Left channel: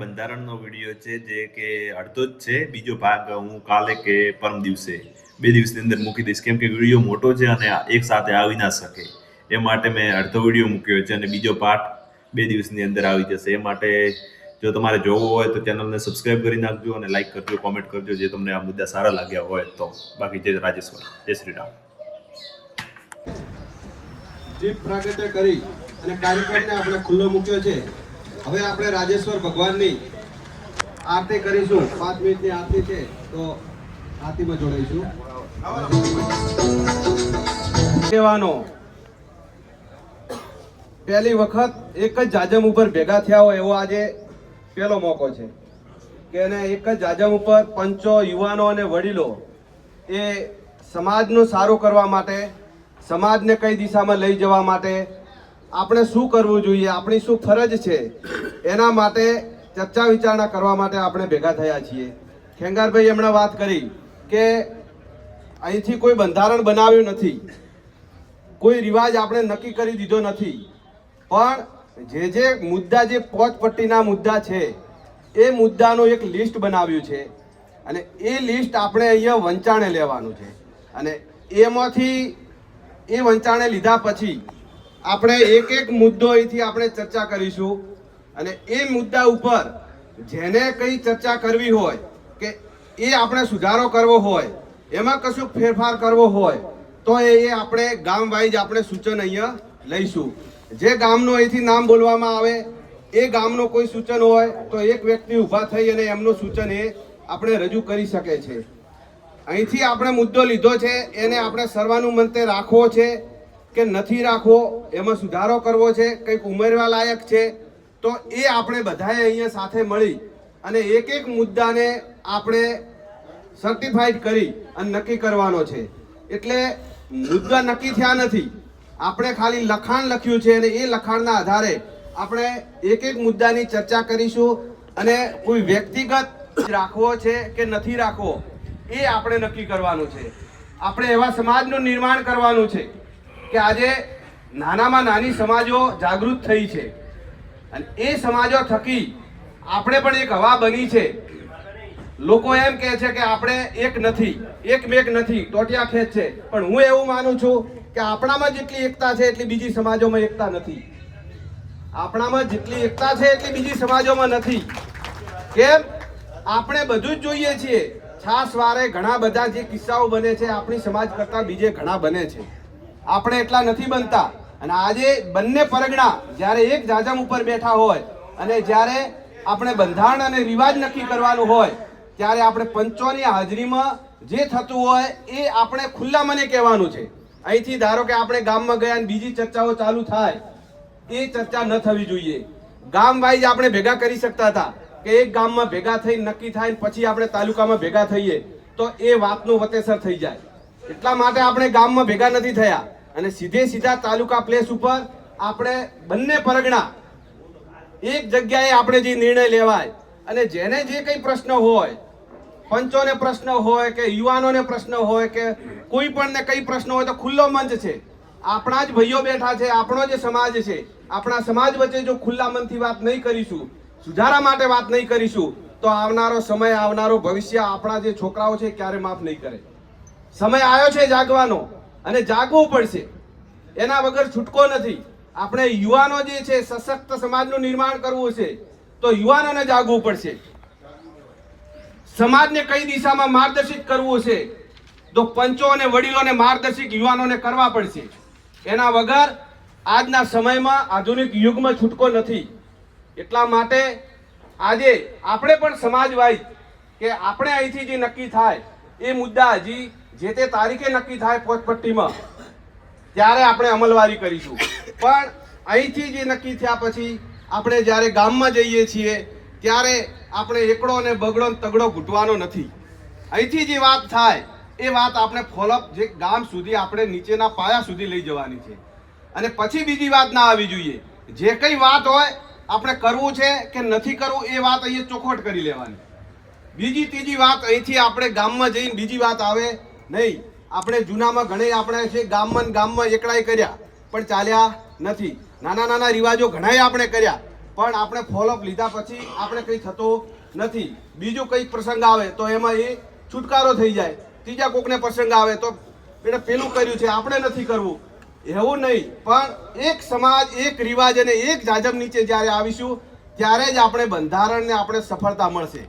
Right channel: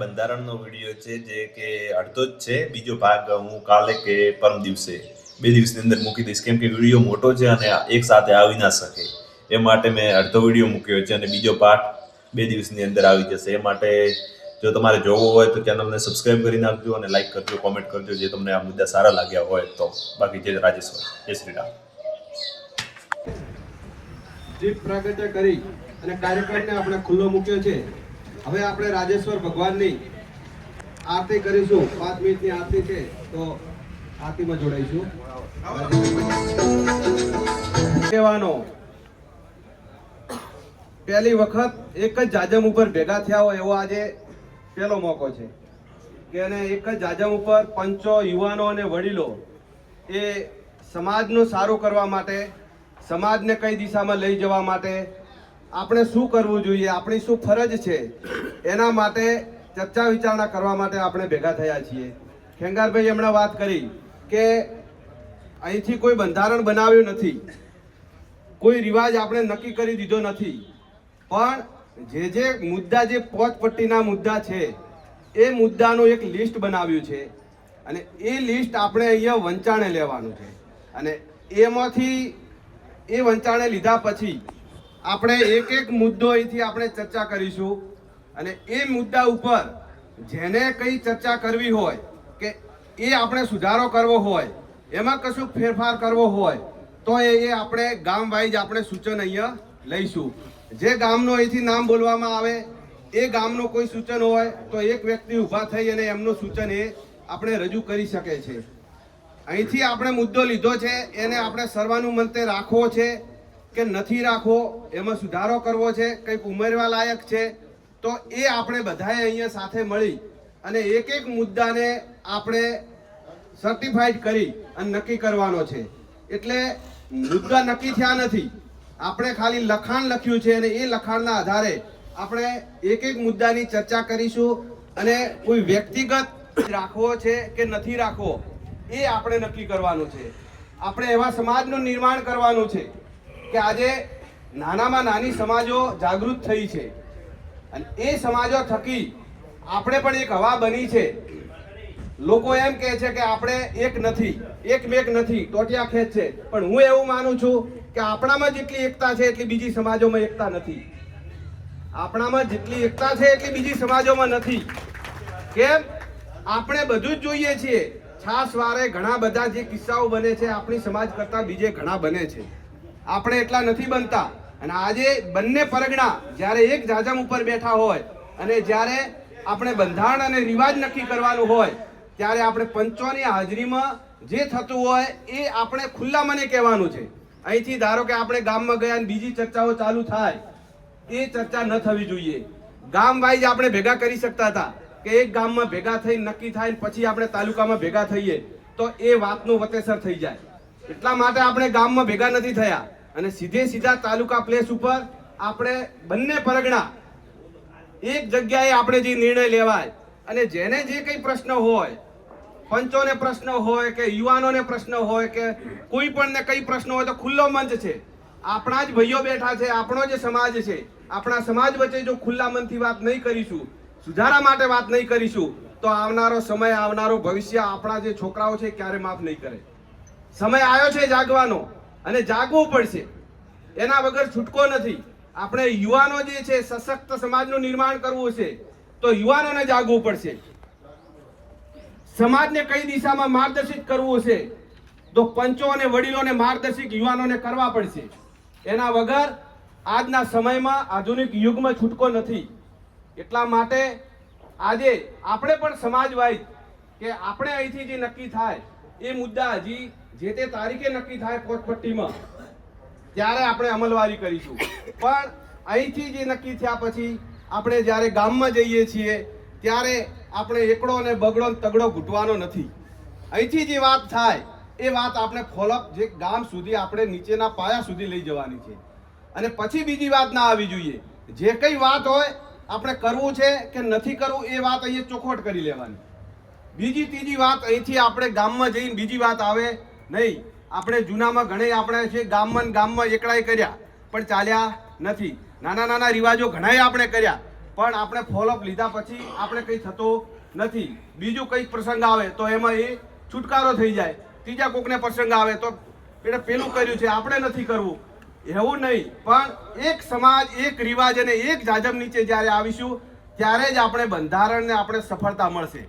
બંધારણનો video છે જે કે અડધો જ છે. બીજો ભાગ હું કાલે કે પરમ દિવસે 2 દિવસની અંદર મૂકી દઈશ, કેમ કે વિડીયો મોટો છે અને એક સાથે આવી ના શકે. એ માટે મેં અડધો વિડીયો મૂક્યો છે અને બીજો પાર્ટ 2 દિવસની અંદર આવી જશે. એ માટે જો તમારે જોવો હોય તો ચેનલને સબસ્ક્રાઇબ કરી નાખજો અને લાઈક કરજો, કોમેન્ટ કરજો જે તમને આ મુદ્દા સારા લાગ્યા હોય તો. બાકી જય રાજેશ્વર, જય શ્રી રામ. દીપ પ્રાગટ્ય કરી અને કાર્યક્રમને આપણે ખુલ્લો મૂક્યો છે. હવે આપણે રાજેશ્વર ભગવાનની આરતી કરીશું. 5 મિનિટની આરતી છે તો આરતીમાં જોડાઈશું. કહેવાનો પહેલી વખત એક જ જાજમ ઉપર ભેગા થયા હોય એવો આજે પહેલો મોકો છે કે એને એક જ જાજમ ઉપર પંચો, યુવાનો અને વડીલો એ સમાજનું સારું કરવા માટે, સમાજને કઈ દિશામાં લઈ જવા માટે, આપણે શું કરવું જોઈએ, આપણી શું ફરજ છે, એના માટે ચર્ચા વિચારણા કરવા માટે આપણે ભેગા થયા છીએ. ખેંગારભાઈ એમણે વાત કરી કે અહીંથી કોઈ બંધારણ બનાવ્યું નથી, કોઈ રિવાજ આપણે નક્કી કરી દીધો નથી, પણ જે મુદ્દા, જે પોતપટ્ટીના મુદ્દા છે એ મુદ્દાનું એક લિસ્ટ બનાવ્યું છે અને એ લિસ્ટ આપણે અહીંયા વંચાણે લેવાનું છે. અને એમાંથી એ વંચાણે લીધા પછી આપણે એક એક મુદ્દો અહીંથી આપણે ચર્ચા કરીશું અને એ મુદ્દા ઉપર જેને કઈ ચર્ચા કરવી હોય કે એ આપણે સુધારો કરવો હોય, એમાં કશું ફેરફાર કરવો હોય તો એ આપણે ગામ વાઇઝ આપણે સૂચન અહીંયા લઈશું. જે ગામનો અહીંથી નામ બોલવામાં આવે એ ગામનો કોઈ સૂચન હોય તો એક વ્યક્તિ ઊભા થઈ અને એમનું સૂચન એ આપણે રજૂ કરી શકે છે. અહીંથી આપણે મુદ્દો લીધો છે એને આપણે સર્વાનુમતે રાખવો છે કે નથી રાખવો, એમાં સુધારો કરવો છે, કંઈક ઉમેરવા લાયક છે, તો એ આપણે બધાએ અહીંયા સાથે મળી અને એક એક મુદ્દાને આપણે સર્ટિફાઈડ કરી અને નક્કી કરવાનો છે. એટલે મુદ્દા નક્કી થયા નથી, આપણે ખાલી લખાણ લખ્યું છે અને એ લખાણના આધારે આપણે એક એક મુદ્દાની ચર્ચા કરીશું અને કોઈ વ્યક્તિગત રાખવો છે કે નથી રાખવો એ આપણે નક્કી કરવાનું છે. આપણે એવા સમાજનું નિર્માણ કરવાનું છે કે આજે નાનામાં નાની સમાજો જાગૃત થઈ છે અને એ સમાજો થકી આપણે પણ એક હવા બની છે. લોકો એમ કહે છે કે આપણે એક નથી, એકમેક નથી, ટોટિયા ખેંચ છે, પણ હું એવું માનું છું કે આપણામાં જેટલી એકતા છે એટલી બીજી સમાજોમાં એકતા નથી. આપણામાં જેટલી એકતા છે એટલી બીજી સમાજોમાં નથી. કેમ? આપણે બધું જ જોઈએ છીએ. છાસ વારે ઘણા બધા જે કિસ્સાઓ બને છે આપણી સમાજ કરતા બીજે ઘણા બને છે, આપણે એટલા નથી બનતા. અને આજે બંને પરગણા જ્યારે એક જાજમ ઉપર બેઠા હોય અને જ્યારે આપણે બંધારણ અને રિવાજ નક્કી કરવાનું હોય ત્યારે આપણે પંચોની હાજરીમાં જે થતું હોય એ આપણે ખુલ્લા મને કહેવાનું છે. અહીંથી ધારો કે આપણે ગામમાં ગયા અને બીજી ચર્ચાઓ ચાલુ થાય, એ ચર્ચા ન થવી જોઈએ. ગામ વાઇઝ આપણે ભેગા કરી શકતા હતા કે એક ગામમાં ભેગા થઈ નક્કી થાય પછી આપણે તાલુકામાં ભેગા થઈએ તો એ વાતનું વતેસર થઈ જાય. એટલા માટે આપણે ગામમાં ભેગા નથી થયા અને સીધા તાલુકા પ્લેસ ઉપર આપણે બંને પરગણા એક જગ્યાએ આપણે જે નિર્ણય લેવાય અને જેને જે કઈ પ્રશ્ન હોય, પંચોને પ્રશ્ન હોય કે યુવાનોને પ્રશ્ન હોય કે કોઈ પણ ને કઈ પ્રશ્ન હોય તો ખુલ્લો મંચ છે. આપણા જ ભાઈઓ બેઠા છે, આપણો જે સમાજ છે, આપણા સમાજ વચ્ચે જો ખુલ્લા મનથી વાત નહીં કરીશું, સુધારા માટે વાત નહીં કરીશું તો આવનારો સમય, આવનારો ભવિષ્ય આપણા જે છોકરાઓ છે ક્યારે માફ નહીં કરે. સમય આવ્યો છે જાગવાનો અને જાગવું પડશે, એના વગર છૂટકો નથી. આપણે યુવાનો જે છે સશક્ત સમાજનું નિર્માણ કરવું છે તો યુવાનોને જાગવું પડશે. સમાજને કઈ દિશામાં માર્ગદર્શિત કરવું છે તો પંચો અને વડીલોને માર્ગદર્શિત યુવાનોને કરવા પડશે. એના વગર આજના સમયમાં, આધુનિક યુગમાં છૂટકો નથી. એટલા માટે આજે આપણે પણ સમાજ વાઇઝ કે આપણે અહીંથી જે નક્કી થાય એ મુદ્દા હજી જે તે તારીખે નક્કી થાય પોતપટ્ટીમાં ત્યારે આપણે અમલવારી કરીશું. પણ અહીંથી જે નક્કી થયા પછી આપણે જ્યારે ગામમાં જઈએ છીએ ત્યારે આપણે એકડો અને બગડો તગડો ઘૂંટવાનો નથી. અહીંથી જે વાત થાય એ વાત આપણે ફોલોઅપ જે ગામ સુધી આપણે નીચેના પાયા સુધી લઈ જવાની છે અને પછી બીજી વાત ના આવી જોઈએ. જે કઈ વાત હોય આપણે કરવું છે કે નથી કરવું એ વાત અહીંયા ચોખવટ કરી લેવાની. બીજી ત્રીજી વાત અહીંથી આપણે ગામમાં જઈને બીજી વાત આવે નહીં. આપણે જૂનામાં ઘણે આપણે છે ગામમાં એકડાઈ કર્યા પણ ચાલ્યા નથી. નાના નાના રિવાજો ઘણાય આપણે કર્યા પણ આપણે ફોલોઅપ લીધા પછી આપણે કંઈ થતું નથી. બીજું કંઈક પ્રસંગ આવે તો એમાં એ છુટકારો થઈ જાય. ત્રીજા કોકને પ્રસંગ આવે તો એટલે પેલું કર્યું છે આપણે નથી કરવું એવું નહીં. પણ એક સમાજ, એક રિવાજ અને એક જાજમ નીચે જ્યારે આવીશું ત્યારે જ આપણે બંધારણને આપણે સફળતા મળશે.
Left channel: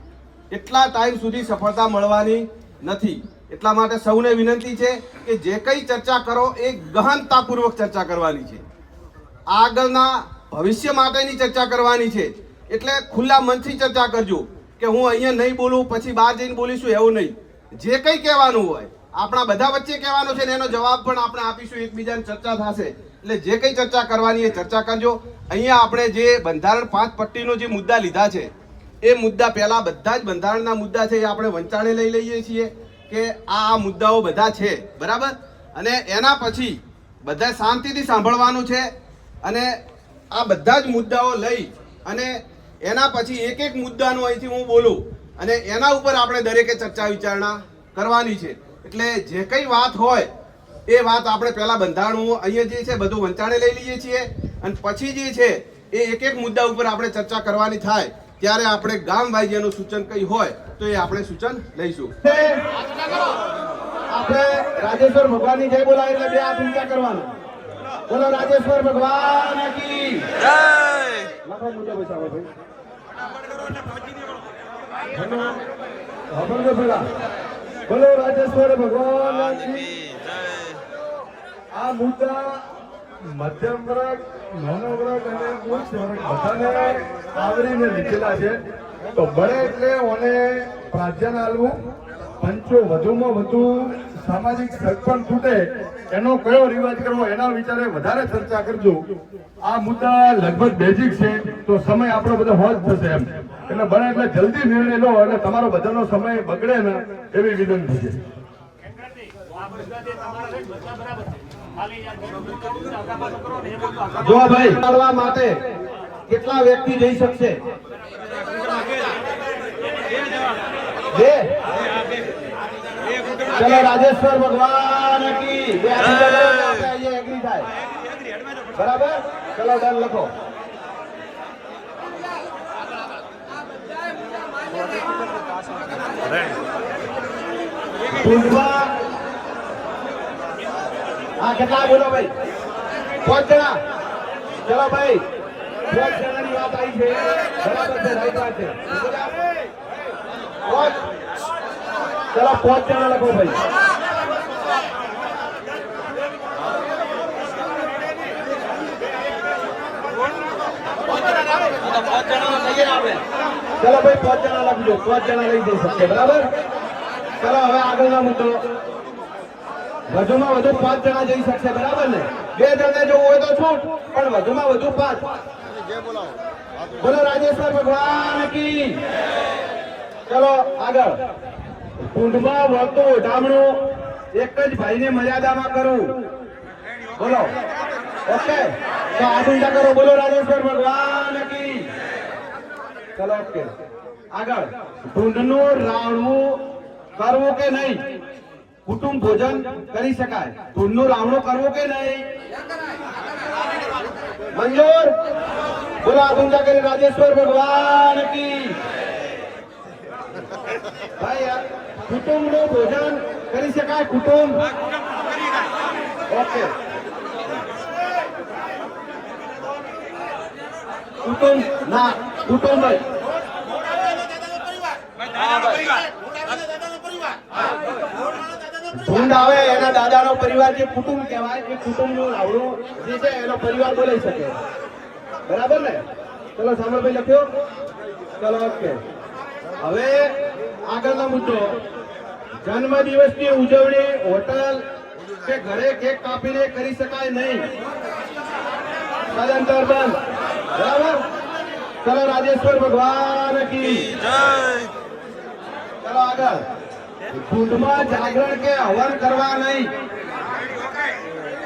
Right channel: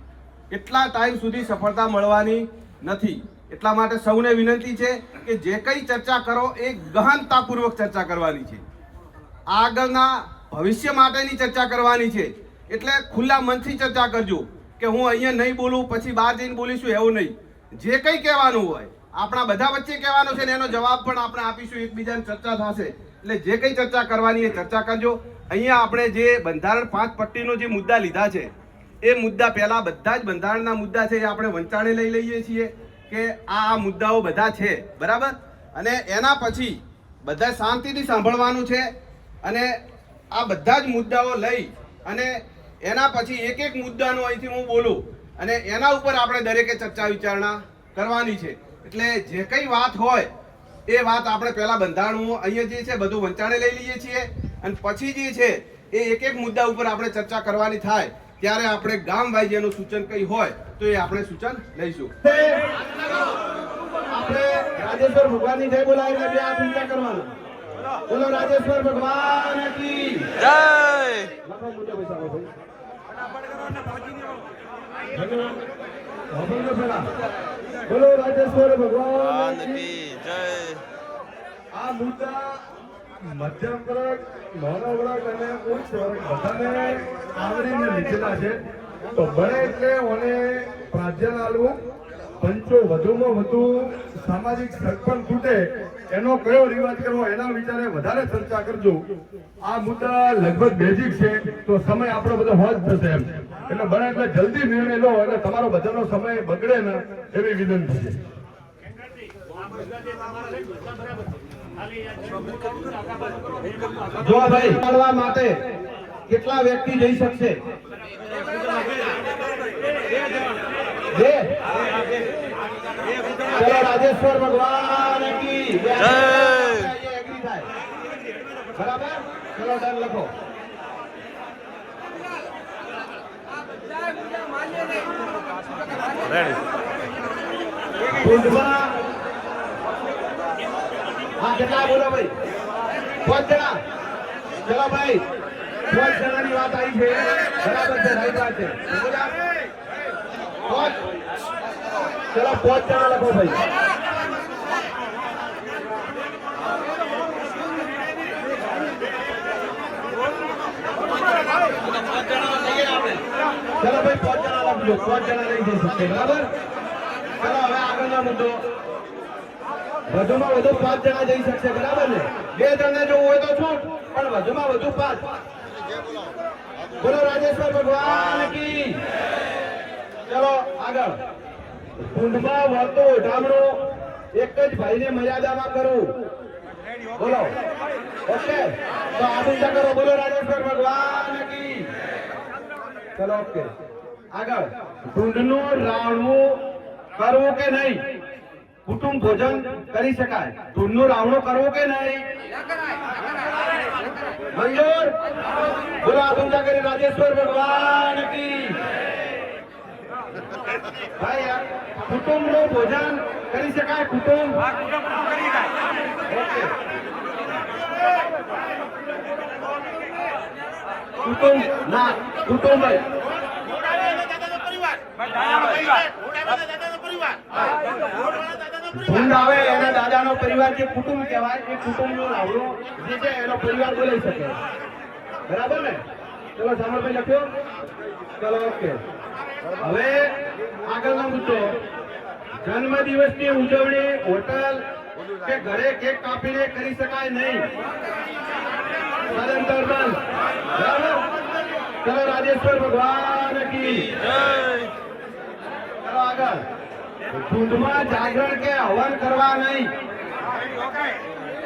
એટલા ટાઈમ સુધી સફળતા મળવાની નથી. એટલા માટે સૌને વિનંતી છે કે જે કંઈ ચર્ચા કરો એ ગહનતાપૂર્વક ચર્ચા કરવાની છે. આગળના ભવિષ્ય માટેની ચર્ચા કરવાની છે. એટલે ખુલ્લા મનથી ચર્ચા કરજો કે હું અહીંયા નહીં બોલું પછી બહાર જઈને બોલીશું એવું નહીં. જે કંઈ કહેવાનું હોય આપણા બધા વચ્ચે કહેવાનું છે ને એનો જવાબ પણ આપણે આપીશું. એકબીજાની ચર્ચા થશે. એટલે જે કંઈ ચર્ચા કરવાની એ ચર્ચા કરજો. અહીંયા આપણે જે બંધારણ 5 પટ્ટીનો જે મુદ્દા લીધા છે એ મુદ્દા પહેલા બધા જ બંધારણના મુદ્દા છે એ આપણે વંચાણે લઈ લઈએ છીએ કે આ મુદ્દાઓ બધા છે બરાબર. અને એના પછી બધા શાંતિથી સાંભળવાનું છે અને આ બધા જ મુદ્દાઓ લઈ અને એના પછી એક એક મુદ્દાનો અહીંથી હું બોલું અને એના ઉપર આપણે દરેકે ચર્ચા વિચારણા કરવાની છે. એટલે જે કંઈ વાત હોય એ વાત આપણે પહેલા બંધારણ અહીંયા જે છે બધું વંચાણે લઈ લઈએ છીએ અને પછી જે છે એ એક એક મુદ્દા ઉપર આપણે ચર્ચા કરવાની થાય ત્યારે આપણે ગામ વાઇઝ એનું સૂચન કંઈ હોય તો એ આપણે સૂચન લઈશું. આપણે રાજેશ્વર ભગવાનની જય બોલાય એટલે બે હાથ ઊંચા કરવાના. બોલો રાજેશ્વર ભગવાન કી જય. લખાણ મુજબ બેસાડો ભાઈ. બોલો રાજેશ્વર ભગવાન કી જય. આ મુદ્દા મધ્યમ વર્ગ, નાનો વર્ગ અને ઉચ્ચ વર્ગ બધાને આવરીને લીધેલા છે. તો બને એટલે મને પ્રાધાન્ય આલવું. પંચો વધુમાં વધુ સામાજિક સરપંચ તૂટે એનો કયો રિવાજ કરવો એના વિચારે વધારે ચર્ચા કરજો. આ મુદ્દા લગભગ બેઝિક છે તો સમય આપણો બધો હોજ થશે એમ. એટલે બને એટલે જલ્દી નિર્ણય લો અને તમારો બધાનો સમય બગડે ને એવી વિનંતી છે. જો ભાઈ કરવા માટે કેટલા વ્યક્તિ જઈ શકશે? ચલો રાજેશ્વર ભગવાન કી જય. બરાબર, ચલો ડન લખો. હા કેટલા બોલો ભાઈ? 5 જણા. ચલો ભાઈ 5 જણાની વાત આવી છે. બરાબર છે, રાઈટ વાત છે. ચલો 5 જણા લખો ભાઈ. ચલો ભાઈ 5 જણા લખજો. 5 જણા લઈ જઈ શકશે બરાબર. ચલો હવે આગળનો મુદ્દો. વધુમાં વધુ 5 જણા જઈ શકશે બરાબર ને? 2 જણા જો હોય તો છૂટ પણ વધુમાં વધુ 5. બોલો રાજેશ્વર ભગવાન કી. ચલો આગળ. કુંડમાં વળતો ઢામણું એક જ ભાઈને મર્યાદામાં કરવું. બોલો ઓકે તો હાથ ઊંચા કરો. બોલો રાજેશ્વર ભગવાન કી. ચલો ઓકે આગળ. ઢૂંઢનું રાવણું કરવું કે નહીં? કુટુંબ ભોજન કરી શકાય. ઢૂંઢનું રાવણું કરવું કે નહીં? મંજૂર. બોલો હાથ ઊંચા કરી રાજેશ્વર ભગવાન કી. ભાઈ કુટુંબનું ભોજન કરી શકાય? કુટુંબ ઓકે. કુટુંબ ના કુટુંબ ઢૂંઢ આવે એના દાદાનો પરિવાર જે કુટુંબ કહેવાય એ કુટુંબનો રાવણો જે છે એનો પરિવાર બોલાઈ શકે બરાબર ને? ચલો સામરભાઈ લખ્યો. ચલો ઓકે. હવે આગળનો મુદ્દો. જન્મ દિવસની ઉજવણી હોટલ કે ઘરે કેક કાપીને કરી શકાય નહીં. સદંતર બંધ. બરાબર. ચલો રાજેશ્વર ભગવાન કી જય. ચલો આગળ. ઢૂંઢમાં જાગરણ કે હવન કરવા નહીં.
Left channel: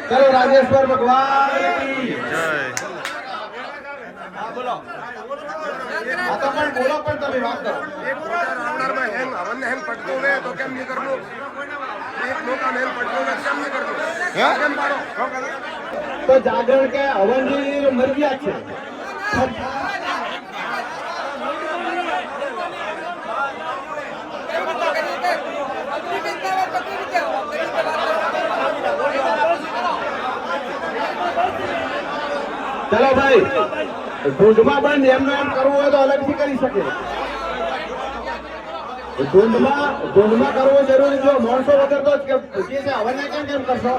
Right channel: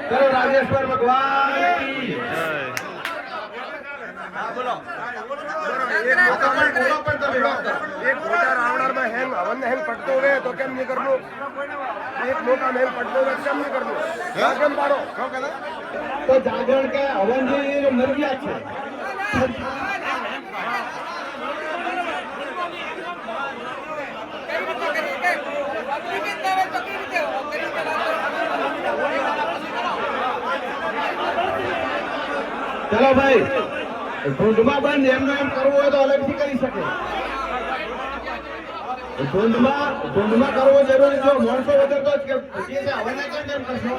ચલો રાજેશ્વર ભગવાન કી જય. હા બોલો. આ તો પણ બોલો પણ તમે વાત કરો. તો જાગરણ કે હવન ની મરજિયાત છે. ચલો ભાઈ, ઢૂંઢમાં બંધ એમનો એમ કરવું હોય તો અલગથી કરી શકે. ઢૂંઢમાં કરવો જરૂરી. જો માણસો વગર તો જે છે હવનને કેમ કરશો?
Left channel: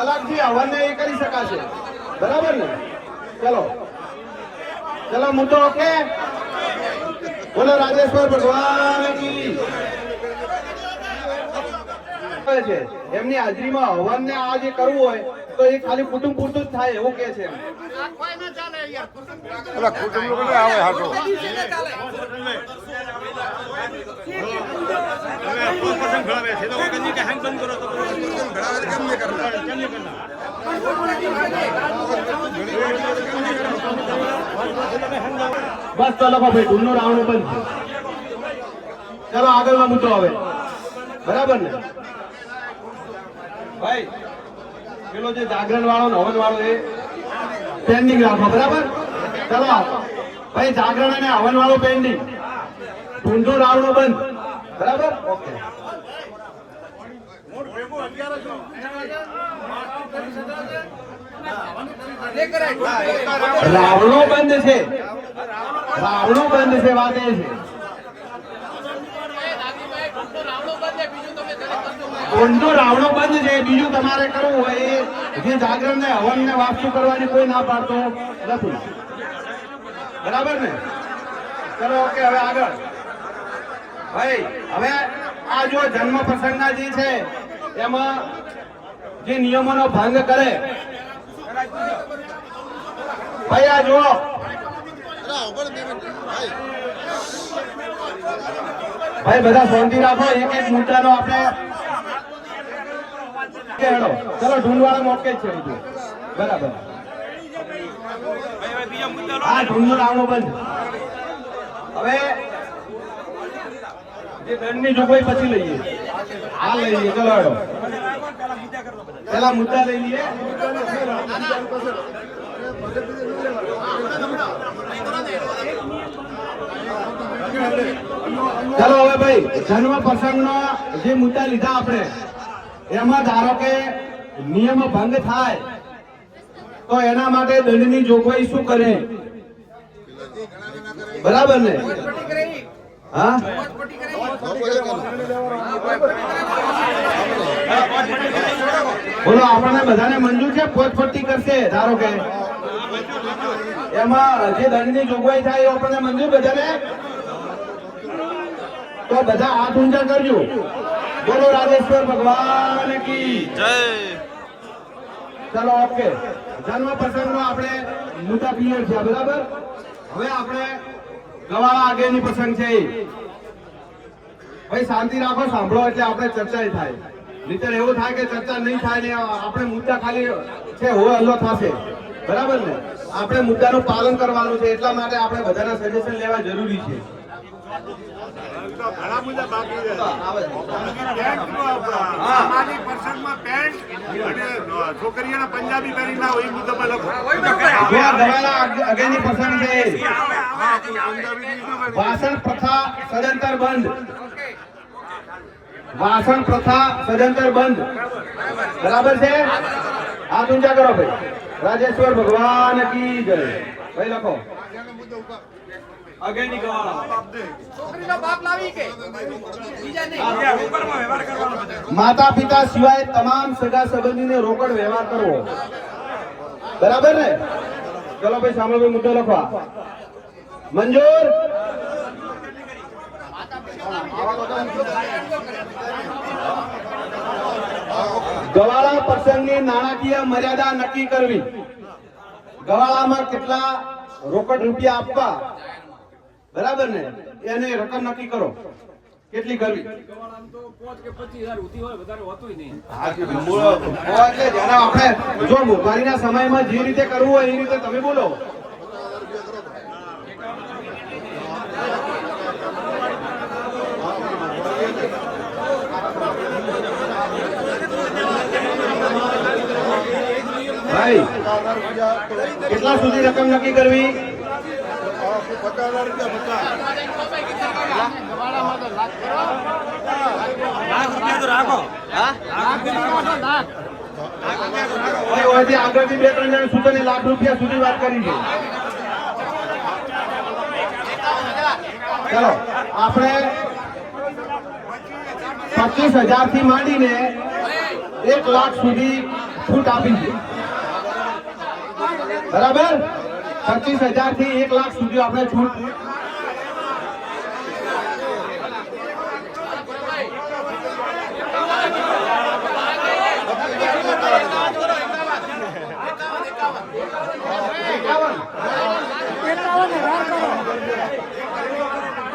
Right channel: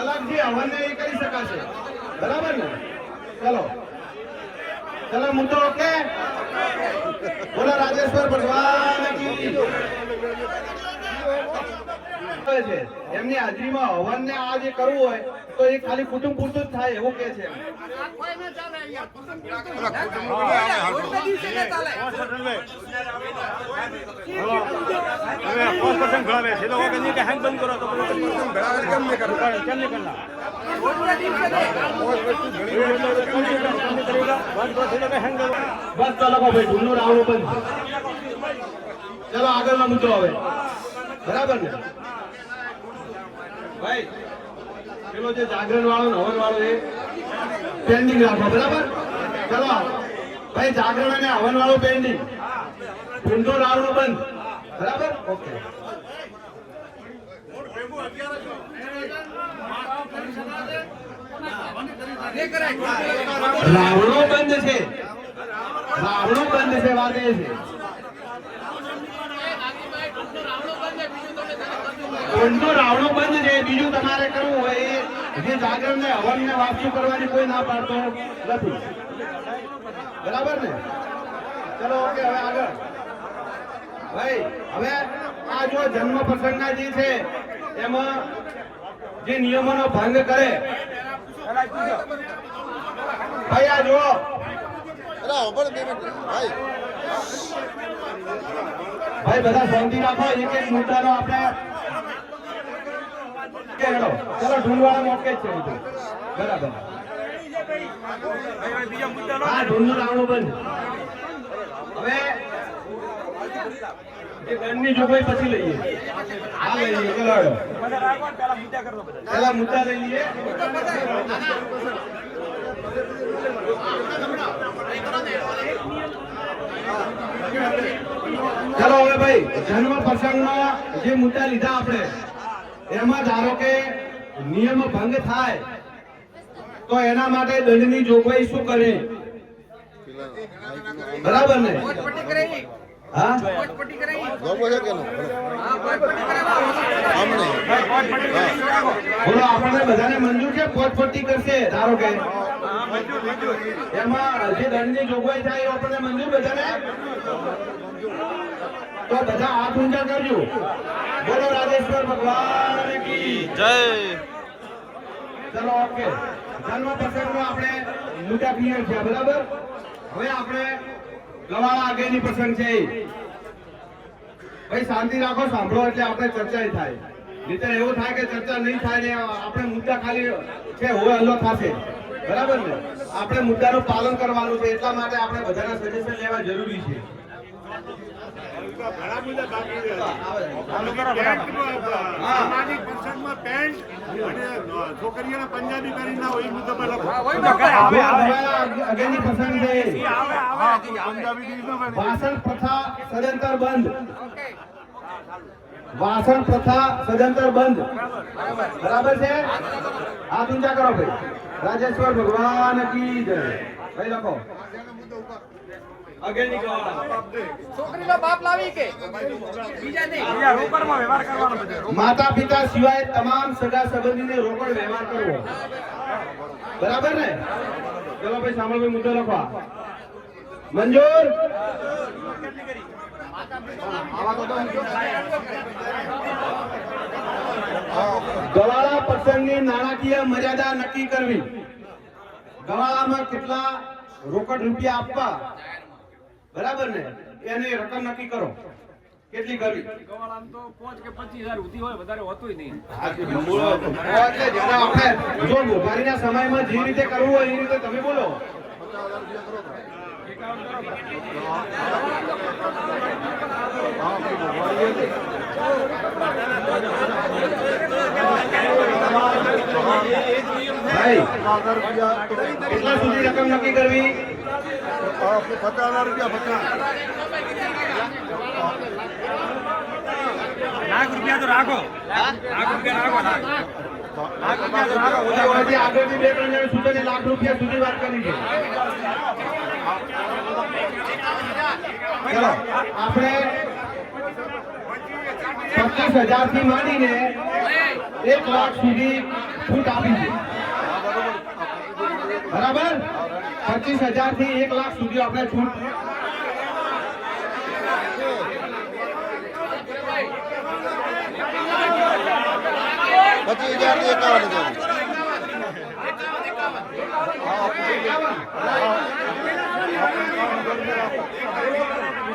અલગથી હવનને એ કરી શકાશે. બરાબર ને? ચલો ચલો, મુદ્દો ઓકે. બોલો રાજેશ્વર ભગવાન કી. છે એમની હાજરીમાં હવન ને આ જે કરવું હોય તો એ ખાલી કુટુંબ પૂરતું જ થાય એવું કે છે. બસ ચલો ભાઈ, ઢૂંઢનો રાવણો બંધ. ચલો આગળનો મુદ્દો હવે. બરાબર ને ભાઈ? પેલો જે જાગરણ વાળો ને હવન વાળો એ પેન્ડિંગ રાખો. બરાબર? ચલો ભાઈ, જાગરણ અને હવન વાળો પેન્ડિંગ, ઢૂંઢો રાવણો બંધ. બરાબર? ઓકે. રાવણો બંધ છે, રાવણો બંધ છે. વાત એ છે ઢૂંઢો રાવણો બંધ છે. બીજું તમારે કરવું હોય જે જાગરણ ને હવન ને વાસ્તુ કરવાની કોઈ ના પાડતો નથી. બરાબર ને? ચલો ઓકે. હવે આગળ ભાઈ, હવે આ જો જન્મ પ્રસંગના જે છે એમાં જે નિયમોનો ભંગ કરે ભાઈ, આ જુઓ ભાઈ, બધા શાંતિ રાખો. એક એક મુદ્દાનો આપણે ચલો ઢૂંઢવાળા મોકે જ છે બધું. બરાબર? હા, ઢૂંઢો રાવણો બંધ. હવે જે દંડની જોગવાઈ પછી લઈએ. આ લઈ લઈએ. ચલો હેડો, પેલા મુદ્દા લઈ લઈએ. ચલો હવે ભાઈ, જન્મ પ્રસંગનો જે મુદ્દા લીધા આપણે એમાં ધારો કે નિયમ ભંગ થાય તો એના માટે દંડની જોગવાઈ શું કરે? બરાબર ને? હા, બોલો આપણને બધાને મંજૂર છે? પોતપટ્ટી કરશે ધારો કે એમાં જે દંડની જોગવાઈ થાય એ આપણને મંજૂર બધાને? તો બધા હાથ ઊંચા કરજો. બોલો રાજેશ્વર ભગવાન કી જય. ચલો ઓકે. જન્મ પ્રસંગનો આપણે મુદ્દા ક્લિયર છે. બરાબર? હવે આપણે ગવાળા આગળની પ્રસંગ છે. ભાઈ શાંતિ રાખો, સાંભળો એટલે આપણે ચર્ચા થાય. નહીતર એવું થાય કે ચર્ચા નહીં થાય ને આપણે મુદ્દા ખાલી છે હોય હલ્લો થશે. બરાબર ને? આપણે મુદ્દાનું પાલન કરવાનું છે. એટલા માટે આપણે બધાના સજેશન લેવા જરૂરી છે. ઘણા બધા બાકી છે. સામાજિક પ્રસંગમાં પેન્ટ અને છોકરીઓને પંજાબી પહેરી ના હોય એ મુદ્દો પર લખો. આગળની પ્રસંગ છે વાસણ પ્રથા સદંતર બંધ. વાસણ પ્રથા સદંતર બંધ. બરાબર છે? હાથ ઊંચા કરો ભાઈ. રાજેશ્વર ભગવાન કી જય. ભાઈ લખો. આગળની માતા પિતા સિવાય તમામ સગા સંબંધીને રોકડ વ્યવહાર કરવો. બરાબર ને? ચલો ભાઈ સાંભળો, મુદ્દો લખવા. મંજૂર? ગવાળા પ્રસંગની નાણાકીય મર્યાદા નક્કી કરવી. ગવાળામાં કેટલા રોકડ રૂપિયા આપવા, બરાબર ને? એને રકમ નક્કી કરો. કેટલી કરવી? જો મોબાઈલના સમયમાં જે રીતે કરવું હોય એ રીતે તમે બોલો. ભાઈ કેટલા સુધી રકમ નક્કી કરવી? ₹1,00,000 તો રાખો. ₹1,00,000 રાખો. હજી આગળથી 2-3 જણ સૂચને લાખ રૂપિયા સુધી વાત કરી છે. ચલો આપણે 25,000 થી માંડીને 1 લાખ સુધી છૂટ આપી છે. બરાબર, 25,000 થી 1 લાખ સુધી આપણે છૂટ.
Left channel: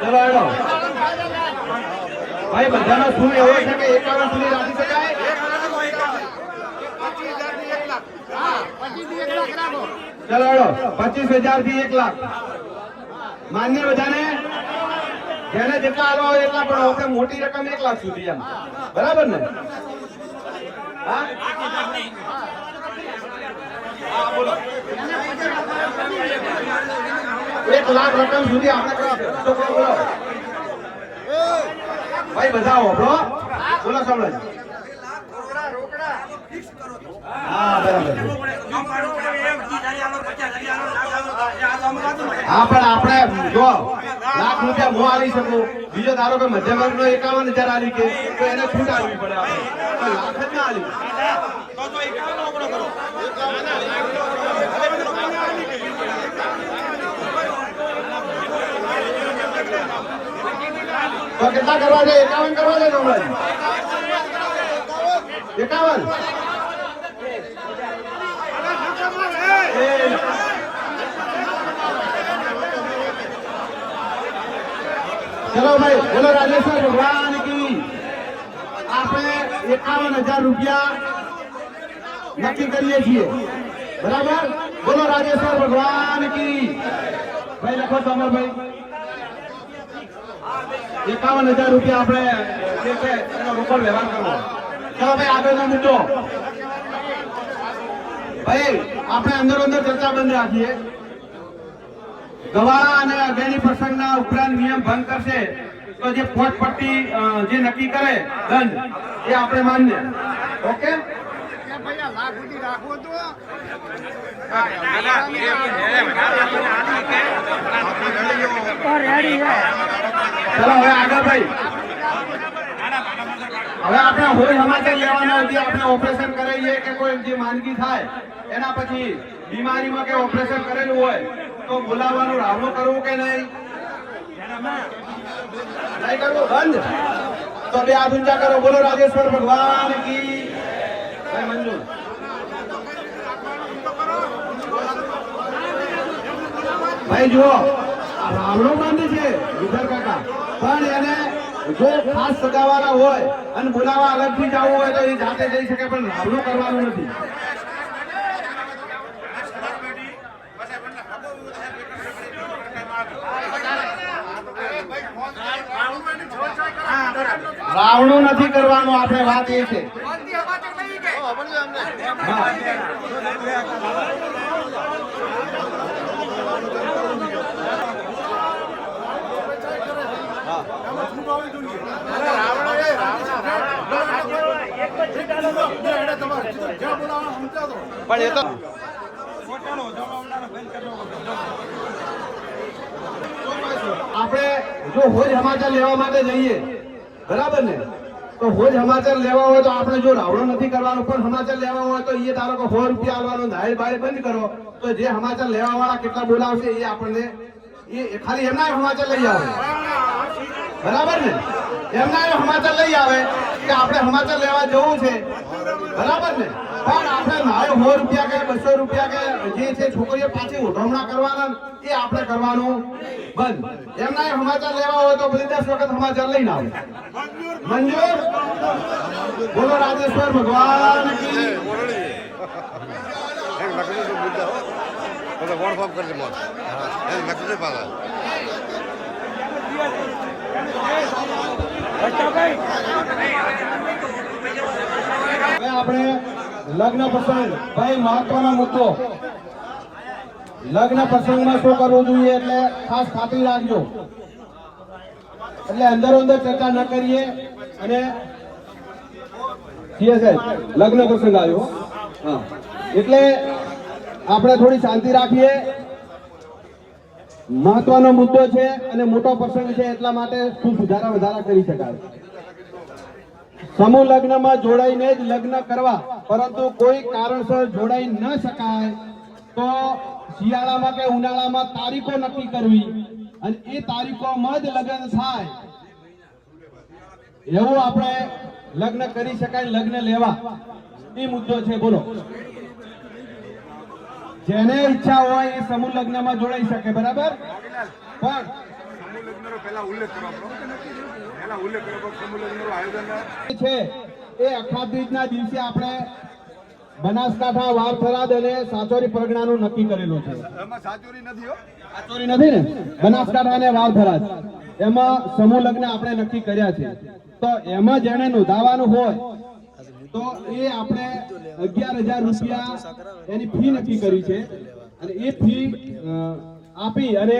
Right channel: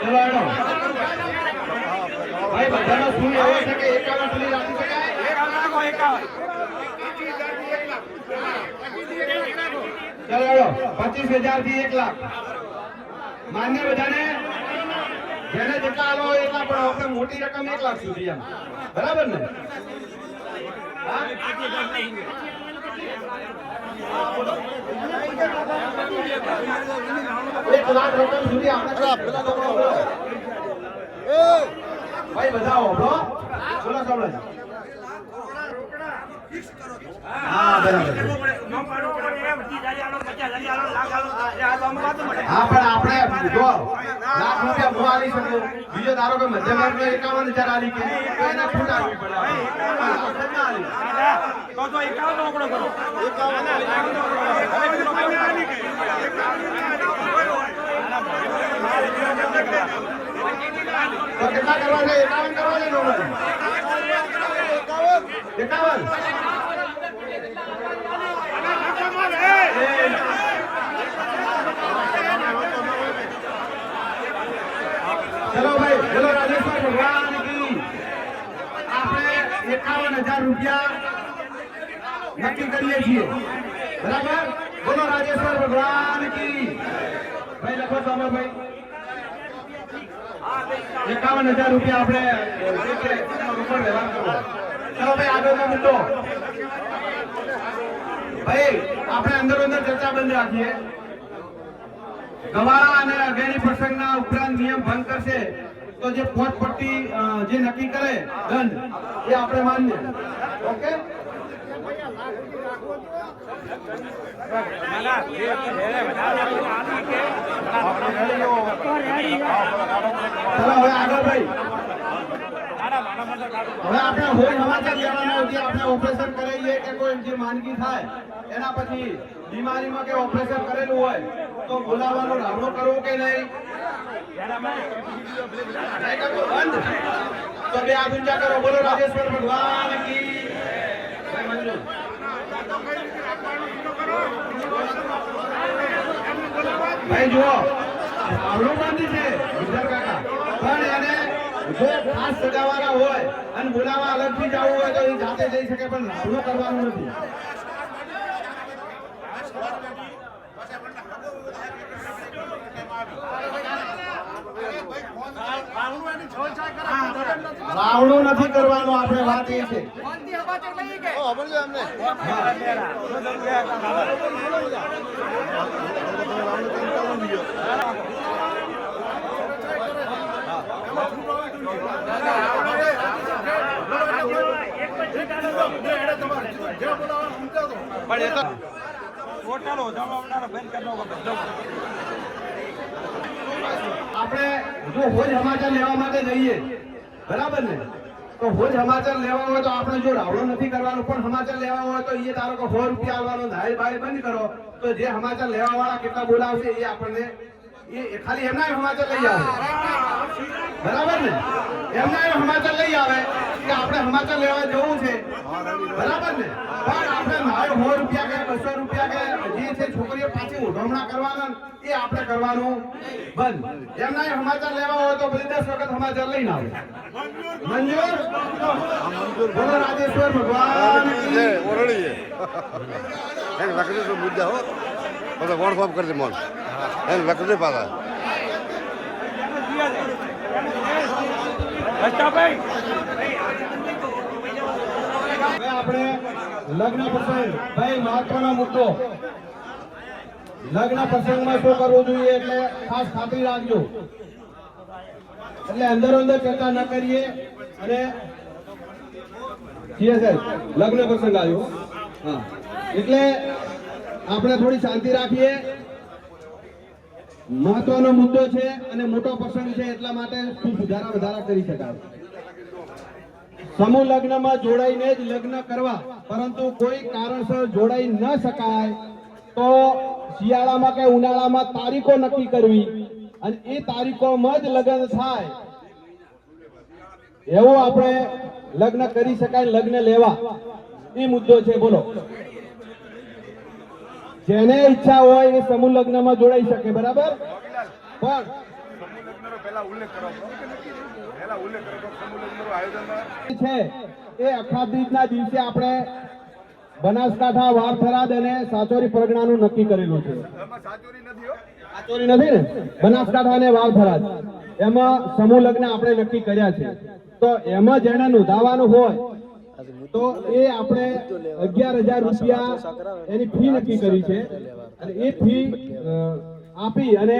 ચલો હેડો ભાઈ, બધાનો શું એવો છે કે 51 સુધી રાખી શકાય? ચલો હેડો 25,000 થી 1 લાખ માન્ય બધાને, જેને જેટલા આવવા હોય એટલા, પણ આપણે મોટી રકમ 1 લાખ સુધી એમ. બરાબર ને? હા, 1 લાખ રકમ સુધી આપણે ભાઈ બધા બોલો બોલો સાંભળો. હા બરાબર. હા પણ આપણે જો લાખ રૂપિયા હું આલી શકું, બીજો ધારો કે મધ્યમ વર્ગનો 51,000 આલી કે તો એને છૂટ આપવી પડે. આપણે લાખ જ ના આલી તો કેટલા કરવા છે? 51 કરવા છે. 51. ચલો ભાઈ, બોલો રાજેશ્વર ભગવાન કી. આપણે 51,000 રૂપિયા નક્કી કરીએ છીએ. બરાબર, બોલો રાજેશ્વર ભગવાન કી. ભાઈ લખો સામરભાઈ, 51,000 રૂપિયા આપણે જે છે એનો રોકડ વ્યવહાર કરવો. ચાલો ભાઈ આગળનો મુદ્દો. ભાઈ આપણે અંદર ચર્ચા બંધ રાખીએ. ગવાળા અને અગેની પ્રસંગના ઉપરાંત નિયમ ભંગ કરશે તો જે પોટપટ્ટી જે નક્કી કરે દંડ એ આપણે માન્ય. ઓકે, ચલો હવે આગળ ભાઈ. હવે આપણે હોય સમાચાર લેવાના, જે આપણે ઓપરેશન કરાવીએ કે કોઈ જે માંદગી થાય એના પછી બીમારીમાં કે ઓપરેશન કરેલું હોય તો બોલાવવાનું રાવણો કરવું કે નહીં? નહીં કરવું, બંધ. તો બે હાથ ઊંચા કરો, બોલો રાજેશ્વર ભગવાન કી. મંજૂર. ભાઈ જુઓ, રાવણો બંધ છે ગુજર કાકા, પણ એને જો ખાસ સગાવાળા હોય અને બોલાવા અલગથી જવું હોય તો એ જાતે જઈ શકે, પણ રાવણો કરવાનું નથી. રાવણું નથી કરવાનું, આપણે વાત એ છે. આપણે જો હોજ સમાચાર લેવા માટે જઈએ, બરાબર ને, તો હોજ સમાચાર લેવા હોય તો આપણે જો રાવણું નથી કરવાનું, પણ સમાચાર લેવા હોય તો એ ધારો કે 100 રૂપિયા આવવાનો ધાય બાય બંધ કરો તો જે સમાચાર લેવા વાળા કેટલા બોલાવશે એ આપણને એ ખાલી એમના સમાચાર લઈ આવે. બરાબર ને, એમના સમાચાર લઈ આવે કે આપણે સમાચાર લેવા જવું છે. બરાબર ને, પણ આપણે મારો 100 રૂપિયા કે 200 રૂપિયા કે જે છે છોકરીઓ પાછી ઉઠવણા કરવાના એ આપણે કરવાનું બંધ. એમના સમાચાર લેવા હોય તો બધી 10 વખત સમાચાર લઈને આવે. મંજૂર. બોલો રાજેશ્વર ભગવાન કી. આપણે લગ્ન પ્રસંગ, ભાઈ મહત્વનો મુદ્દો. લગ્ન પ્રસંગમાં શું કરવું જોઈએ એટલે ખાસ ખાતરી રાખજો. એટલે અંદર ચર્ચા ન કરીએ અને સાહેબ લગ્ન પ્રસંગ આવ્યો. હા, એટલે આપણે થોડી શાંતિ રાખીએ. મહત્વનો મુદ્દો છે અને મોટો પ્રસંગ છે, એટલા માટે શું વધારા કરી શકાય. સમૂહ લગ્નમાં જોડાઈને જ લગ્ન કરવા, પરંતુ કોઈ કારણસર જોડાઈ ન શકાય તો શિયાળામાં કે ઉનાળામાં તારીખો નક્કી કરવી અને એ તારીખોમાં જ લગ્ન થાય એવું આપણે લગ્ન કરી શકાય, લગ્ન લેવા એ મુદ્દો છે. બોલો, જેને ઈચ્છા હોય એ સમૂહ લગ્નમાં જોડાઈ શકે, બરાબર. પણ સમૂહ લગ્નનો પહેલા ઉલ્લેખ કરો, સમૂહ લગ્નનું આયોજન છે એ અખાત્રીજના દિવસે આપણે બનાસકાંઠા, વાવથરાદ અને સાચોરી પરગણાનું નક્કી કરેલું છે. એમાં સાચોરી નથી હો. સાચોરી નથી ને, બનાસકાંઠા અને વાવથરાદ એમાં સમૂહ લગ્ન આપણે નક્કી કર્યા છે. તો એમાં જેને નોંધાવાનું હોય તો એ આપણે 11,000 રૂપિયા એની ફી નક્કી કરી છે અને એ ફી આપી અને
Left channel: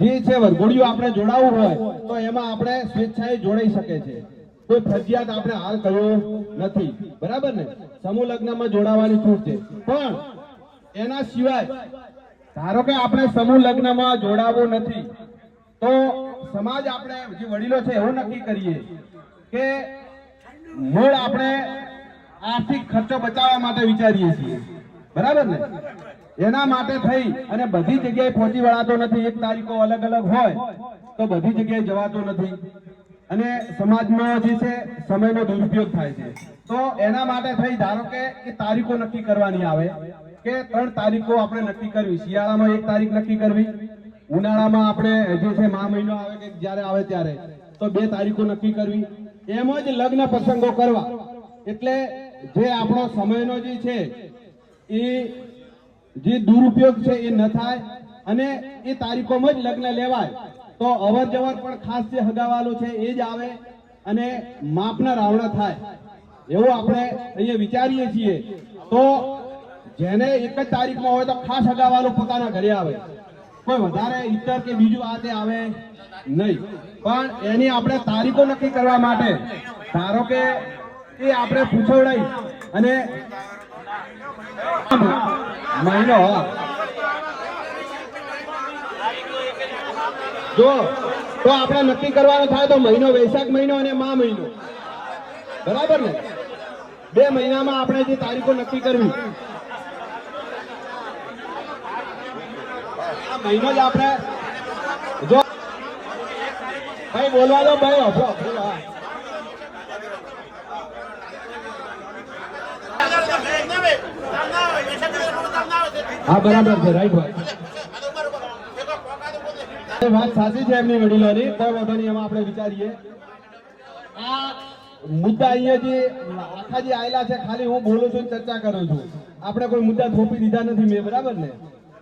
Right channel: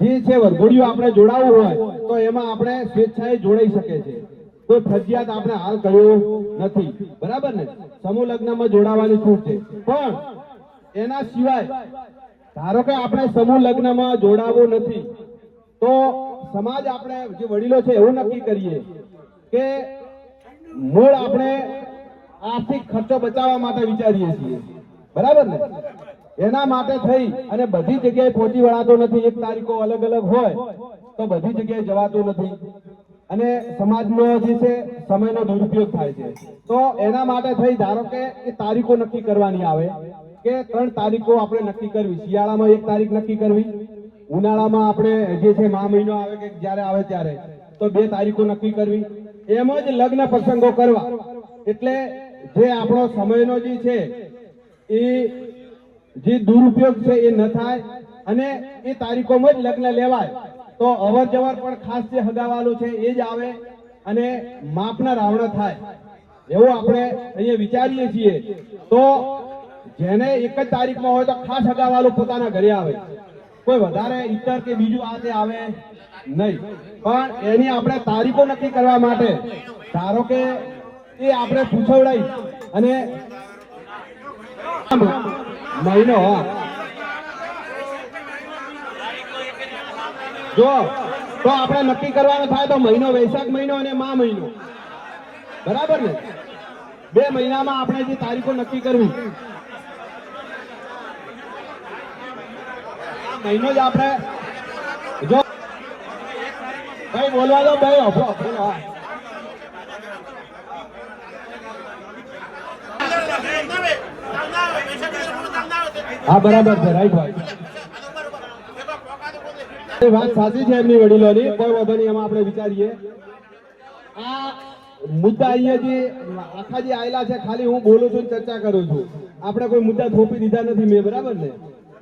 જે છે વરઘોડિયું આપણે જોડાયું હોય તો એમાં આપણે સ્વેચ્છાએ જોડાઈ શકે છે. કોઈ ફરજિયાત આપણે હાલ કર્યો નથી, બરાબર ને. સમૂહ લગ્નમાં જોડાવાની છૂટ છે. પણ એના સિવાય ધારો કે આપણે સમૂહ લગ્નમાં જોડાવું નથી તો સમાજ, આપણે જે વડીલો છે એવું નક્કી કરીએ કે મૂળ આપણે આર્થિક ખર્ચો બચાવવા માટે વિચારીએ છીએ, બરાબર ને. એના માટે થઈ અને બધી જગ્યાએ પહોંચી વળાતો નથી. એક તારીખો અલગ અલગ હોય તો બધી જગ્યાએ જવાતું નથી અને સમાજનો જે છે સમયનો દુરુપયોગ થાય છે. તો એના માટે થઈ ધારો કે એ તારીખો નક્કી કરવાની આવે કે 3 તારીખો આપણે નક્કી કરવી. શિયાળામાં 1 તારીખ નક્કી કરવી, ઉનાળામાં આપણે જે છે મા મહિનો આવે કે જ્યારે આવે ત્યારે તો 2 તારીખો નક્કી કરવી. એમ જ લગ્ન પ્રસંગો કરવા એટલે જે આપણો સમયનો જે છે એ જે દુરુપયોગ છે એ ન થાય અને એ તારીખોમાં જ લગ્ન લેવાય. તો અવર જવર પણ ખાસ જે હગાવાલું છે એ જ આવે અને માપના રાવણા થાય એવું આપણે અહીંયા વિચારીએ છીએ. તો જેને 1 જ તારીખમાં હોય તો ખાસ હગાવાલું પોતાના ઘરે આવે, કોઈ વધારે ઈતર કે બીજું આ તે આવે નહીં. પણ એની આપણે તારીખો નક્કી કરવા માટે ધારો કે એ આપણે પૂછવડાઈ અને મહિનો જો તો આપણે નક્કી કરવાનું થાય તો મહિનો વૈશાખ મહિનો અને મા મહિનો, બરાબર ને. 2 મહિનામાં આપણે જે તારીખો નક્કી કરવી આ મહિનો જ આપણે જો ભાઈ બોલવા દો ભાઈ. હા બરાબર છે, રાઈટ વાત સાચી છે એમની વડીલોની, કોઈ વાંધો નહીં. એમાં આપણે વિચારીએ આ મુદ્દા અહીંયા જે આખા જે આયેલા છે ખાલી હું બોલું છું, ચર્ચા કરું છું. આપણે કોઈ મુદ્દા થોપી દીધા નથી મેં, બરાબર ને.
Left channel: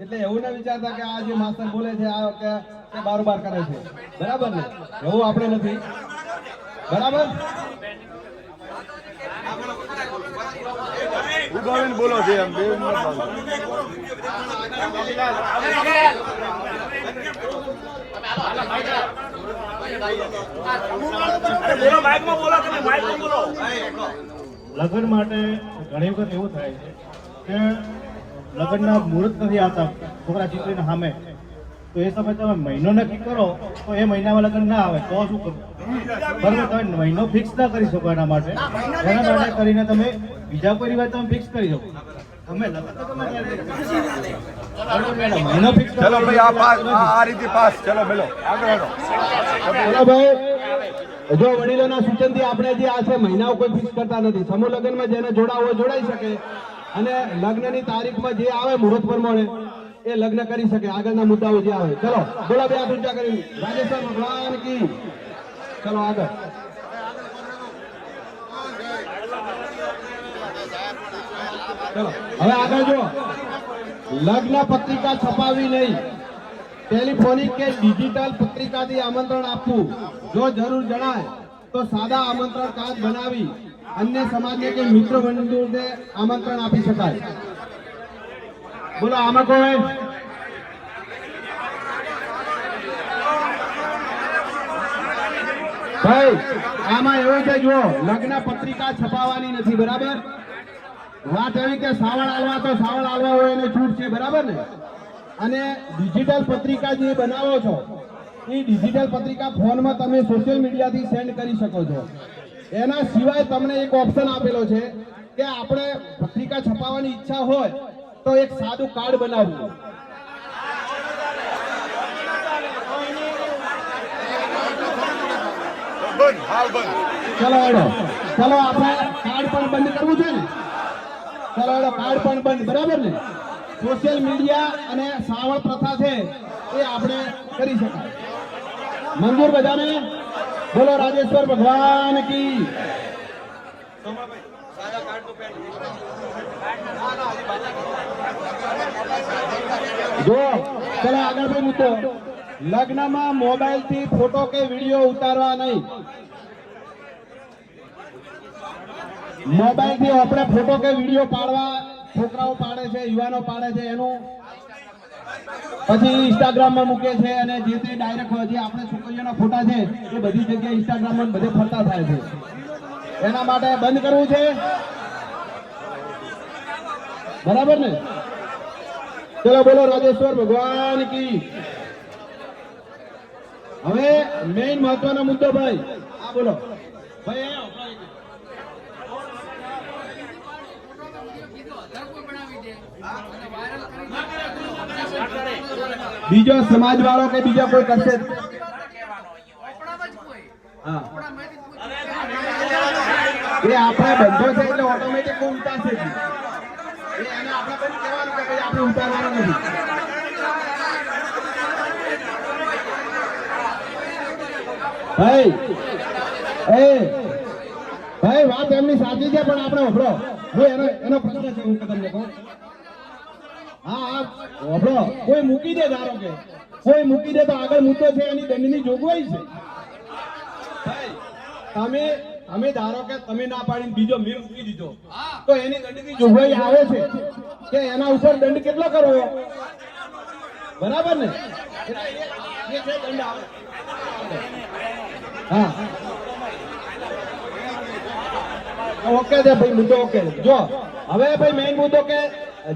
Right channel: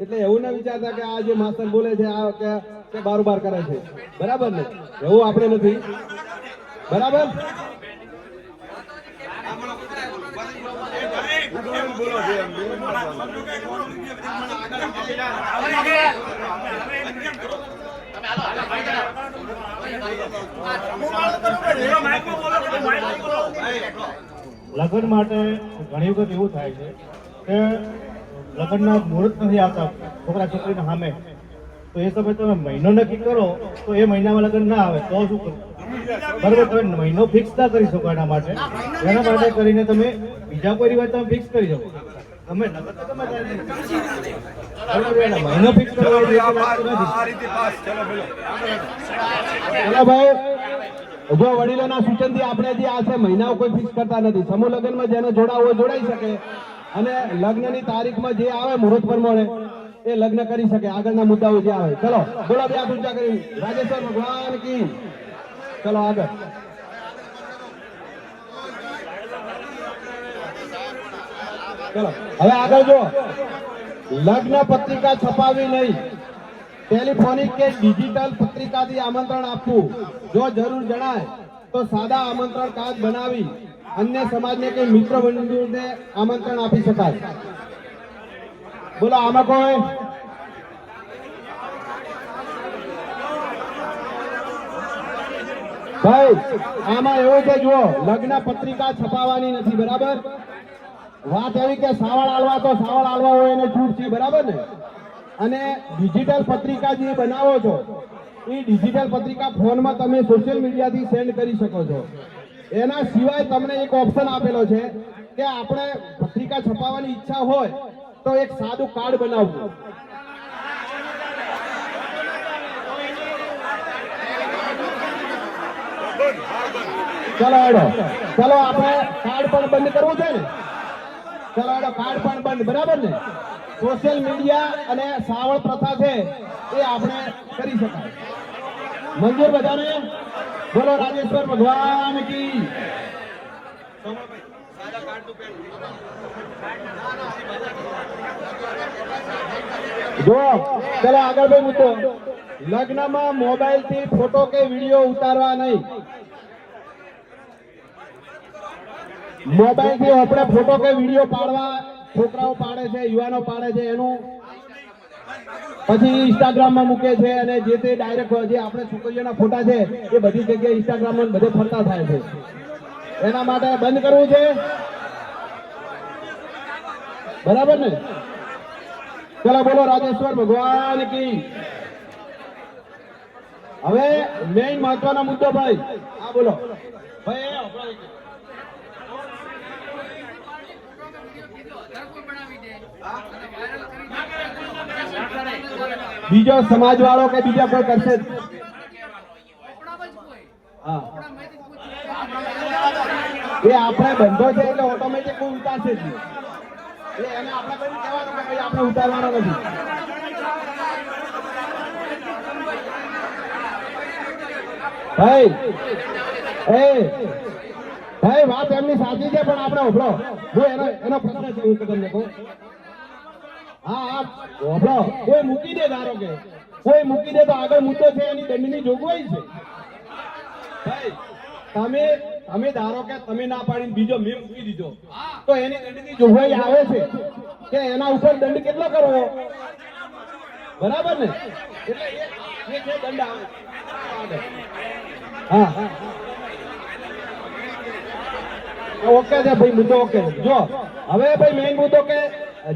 એટલે એવું ના વિચારતા કે આ જે માસ્ટર બોલે છે આ કે બારોબાર કરે છે, બરાબર ને. એવું આપણે નથી, બરાબર. બોલો છે એમ બે લગ્ન માટે ઘણી વખત એવું થાય છે કે લગ્નના મુહૂર્ત નથી આવતા છોકરા છોકરીના સામે, તો એ સમય તમે મહિનો નક્કી કરો તો એ મહિનામાં લગ્ન ના આવે તો શું કરવું? બરોબર, તમે મહિનો ફિક્સ ના કરી શકો. એના માટે કરીને તમે બીજા કોઈ રિવાજ તમે ફિક્સ કરી શકો. તમે લગ્ન તો તમે મહિનો ફિક્સ કરો. ચલો ભાઈ, જો વડીલોના સૂચનથી આપણે જે આ છે મહિનાઓ કોઈ ફિક્સ કરતા નથી. સમૂહ લગ્નમાં જેને જોડાવું હોય જોડાઈ શકે અને લગ્નની તારીખમાં જે આવે મુહૂર્ત પ્રમાણે એ લગ્ન કરી શકે. આગળના મુદ્દાઓ જે આવે. ચલો બોલા, બે હાથ ઊંચા કરી રાજેશ્વર ભગવાન કી. ચલો આગળ. ચલો હવે આગળ જો, લગ્ન પત્રિકા છપાવી નહીં, ટેલિફોનિક કે ડિજિટલ પત્રિકાથી આમંત્રણ આપવું. જો જરૂર જણાય તો સાદા આમંત્રણ કાર્ડ બનાવી અન્ય સમાજને કે મિત્ર મંડળને આમંત્રણ આપી શકાય. બોલો આમાં કોણ? ભાઈ આમાં એવું છે, જુઓ લગ્ન પત્રિકા છપાવવાની નથી, બરાબર? વાત એવી કે સાવળ આલવા તો સાવળ આલવા હોય એને છૂટ છે, બરાબર ને? અને ડિજિટલ પત્રિકા જે બનાવો છો એ ડિજિટલ પત્રિકા ફોનમાં તમે સોશિયલ મીડિયાથી સેન્ડ કરી શકો છો. એના સિવાય તમને એક ઓપ્શન આપેલો છે કે આપણે પત્રિકા છપાવવાની ઈચ્છા હોય તો એક સાદું કાર્ડ બનાવવું. ચલો એડો, ચલો આપણે કાર્ડ પણ બંધ કરવું છે ને? ચલો એડો, કાર્ડ પણ બંધ, બરાબર ને? સોશિયલ મીડિયા અને સાવળ પ્રથા છે એ આપણે કરી શકાય. મંજૂર બધાને? બોલો રાજેશ્વર ભગવાન કી. જો ચલો આગળ ભાઈ મુદ્દો, લગ્નમાં મોબાઈલ થી ફોટો કે વિડીયો ઉતારવા નહીં. મોબાઈલ થી આપણે ફોટો કે વિડીયો પાડવા, છોકરાઓ પાડે છે, યુવાનો પાડે છે, એનું પછી ઇન્સ્ટાગ્રામ માં મૂકે છે અને જે તે ડાયરેક્ટ જે આપણે છોકરીઓના ફોટા છે એ બધી જગ્યાએ ઇન્સ્ટાગ્રામ માં બધે ફરતા થાય છે. એના માટે બંધ કરવું છે, બરાબર ને? ચલો બોલો રાજેશ્વર ભગવાન કી. હવે મેઇન મહત્વનો મુદ્દો ભાઈ, હા બોલો ભાઈ. બીજો સમાજ વાળો કે બીજા કોઈ કરશે? હા, એ આપણે બંધો છે એટલે ઓટોમેટિક કોઈ ઉતારશે જ નહીં. એને આપણે કોઈ કહેવાનું કે ભાઈ આપણે ઉતારવાનો નથી. ભાઈ ભાઈ વાત એમની સાચી છે, પણ આપણે ઉભરો જો એનો પ્રશ્ન છે, હું તમને કહું. હા હા ઉભરો, કોઈ મૂકી દે, ધારો કે કોઈ મૂકી દે તો આગળ મુદ્દો છે એની દંડની જોગવાઈ છે. ભાઈ તમે ધારો કે તમે ના પાડીને બીજો મેં મૂકી દીધો તો એની દંડની જોગવાઈ આવે છે કે એના ઉપર દંડ કેટલો કરવો, બરાબર ને? એટલે એ છે દંડ આવે. હા ઓકે છે ભાઈ, મુદ્દો ઓકે. જો હવે ભાઈ મેઇન મુદ્દો કે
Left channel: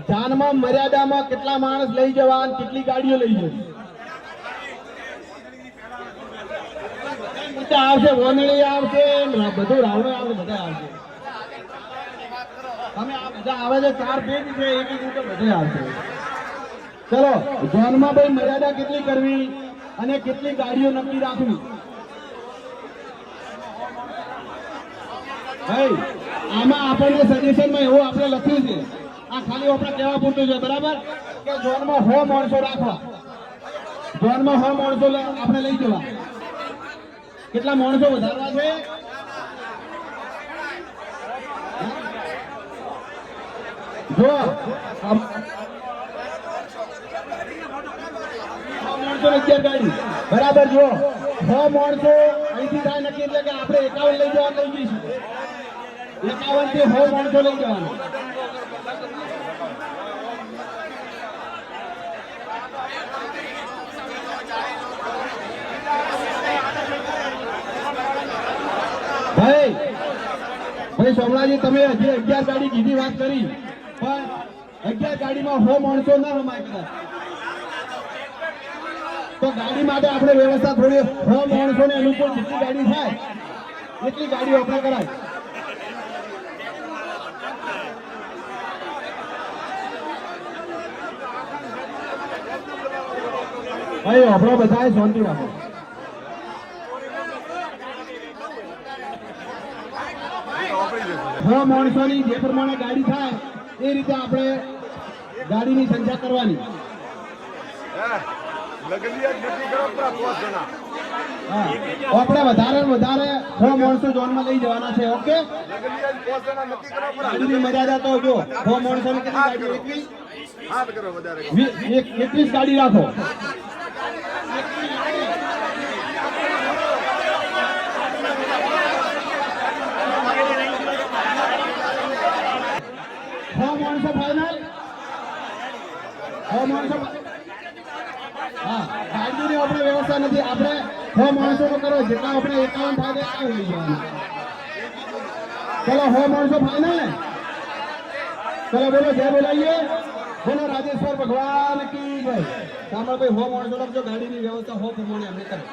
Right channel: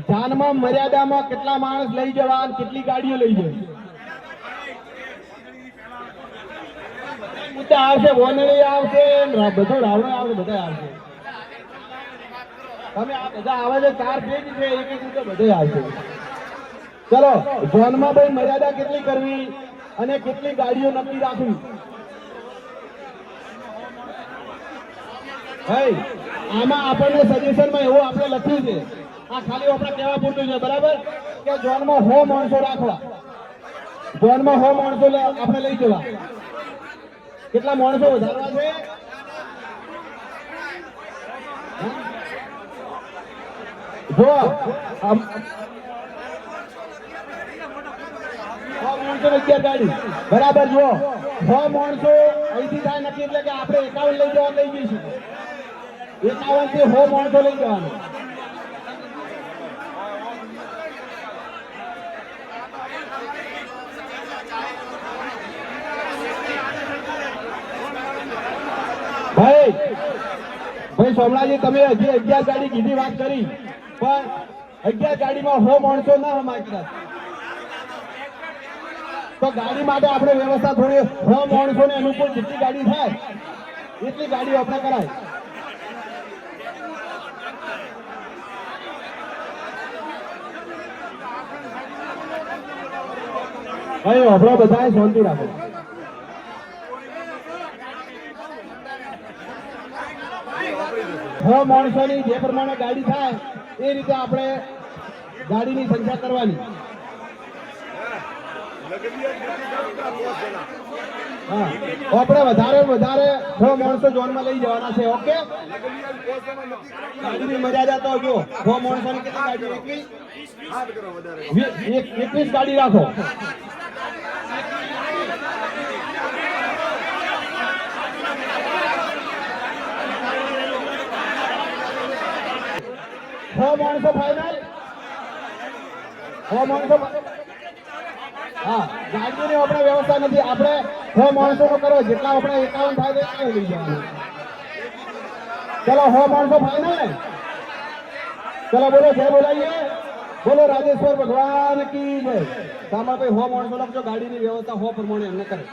જાનમાં મર્યાદામાં કેટલા માણસ લઈ જવા, કેટલી ગાડીઓ લઈ જવી. મુદ્દા આવશે, વોનળી આવશે, બધું રાવણ આવશે, બધા આવશે. તમે આ બધા આવે છે 4 પેજ છે, એક મુદ્દો બધે આવશે. ચલો જાનમાં ભાઈ મર્યાદા કેટલી કરવી અને કેટલી ગાડીઓ નક્કી રાખવી. ભાઈ આમાં આપણને સજેશનમાં એવું આપણે લખ્યું છે, આ ખાલી આપણે કહેવા પૂરતું છે, બરાબર? કે ઝોનમાં 100 માણસો રાખવા, ઝોનમાં 100 માણસો આપણે લઈ જવા. કેટલા માણસો વધારવા છે? જો 11 ગાડી, બરાબર? જુઓ 100 માણસો અહીંથી થાય નક્કી એટલે કે આપણે 51 લઈ જવા લઈ જઈશું. 51 થી 100 માણસો લઈ જવાનું. ભાઈ સોમલાજી તમે હજી 11 ગાડી કીધી વાત કરી, પણ 11 ગાડીમાં 100 માણસો ના હોય કદાચ, તો ગાડી માટે આપણે વ્યવસ્થા થોડી 100 માણસોને અનુકૂળ જેટલી ગાડી થાય એટલી ગાડીઓ આપણે કરાય. ભાઈ આપણે બધાએ શાંતિ રાખો. છ માણસોની જે પ્રમાણે ગાડી થાય એ રીતે આપણે ગાડીની સંખ્યા કરવાની. આપણે વધારે વધારે 6 માણસો જોનમાં લઈ જવાના છે. ઓકે, ગાડીની મર્યાદા તો જો 6 માણસોની કેટલી ગાડી? 21 ગાડી રાખો. માણસો ફાઈનલ, 6 માણસો. હા ગાડીની આપણે વ્યવસ્થા નથી. આપણે 100 માણસોનો કરો, જેટલા આપણે 51 થાય તે 51 લઈ જવાના. ચલો 100 માણસો ફાઇનલ ને? ચલો બોલો જય બોલાઈએ, બોલો રાજેશ્વર ભગવાન કી જય. સાંભળ ભાઈ 100 માણસો લખજો, ગાડીની વ્યવસ્થા 100 પ્રમાણે એમને કરે.